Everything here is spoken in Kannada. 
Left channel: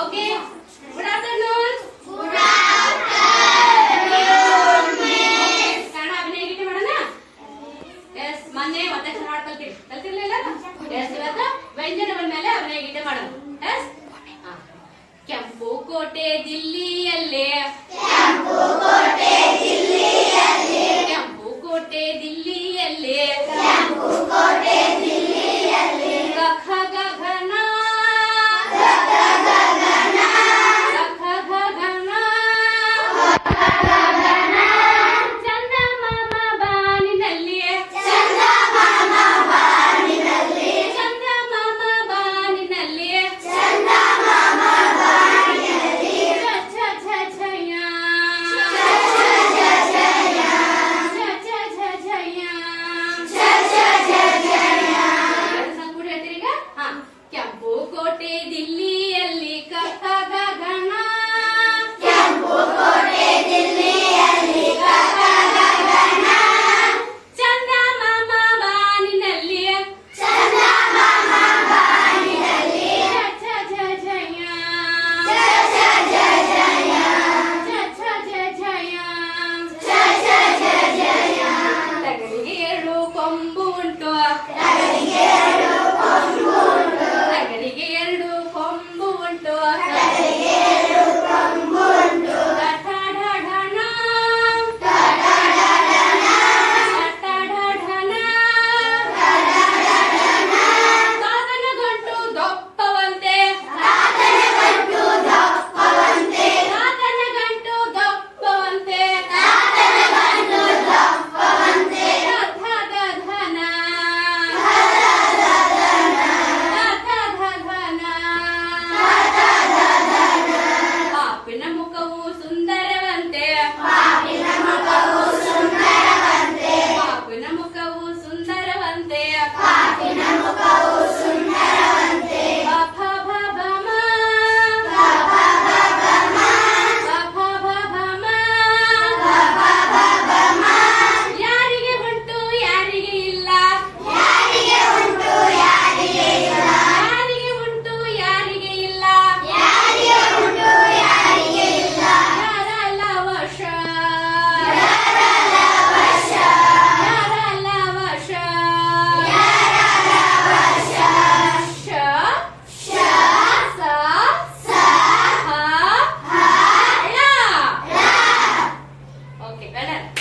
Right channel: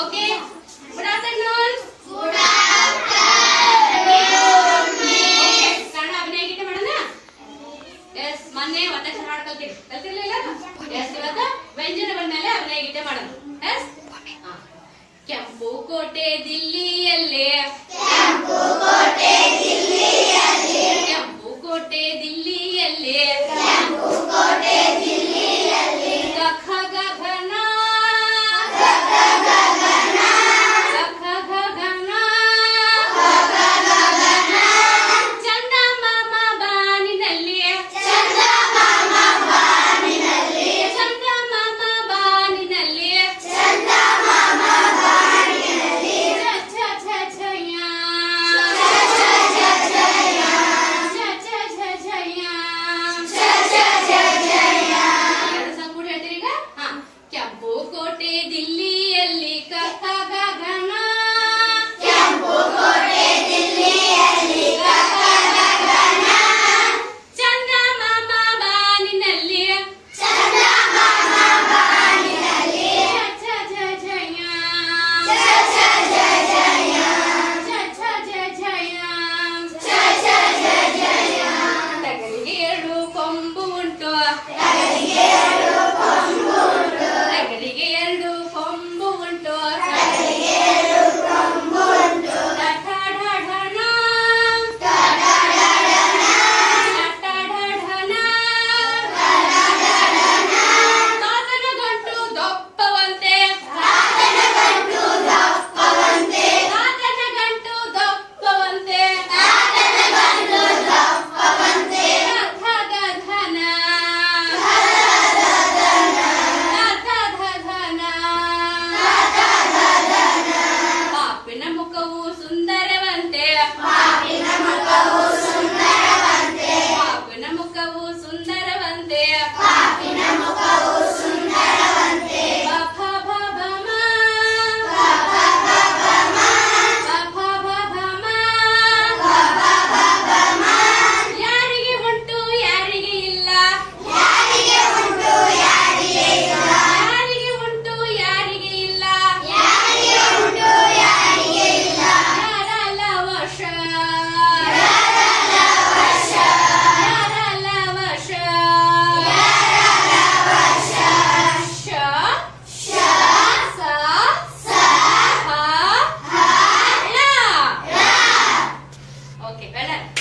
ಓಕೆ ಆಫ್ಟರ್ನೂನ್ ಕನ್ನಡ ಅಭಿನಯ ಗೀತೆ ಮಾಡೋಣ? ಎಸ್ ಮೊನ್ನೆ ಒತ್ತಕ್ಷರ ಹಾಡು ಕಲ್ತಿರಿ ಕಲ್ತಿರ್ಲಿಲ್ಲ ಎಸ್ ಇವತ್ತು ಬಂದ ಮೇಲೆ ಅಭಿನಯ ಗೀತೆ ಮಾಡೋಣ. ಎಸ್ ಕೆಂಪು ಕೋಟೆ ದಿಲ್ಲಿಯಲ್ಲೇ ಕೆಂಪು ಕೋಟೆ ದಿಲ್ಲಿ Okay, well done.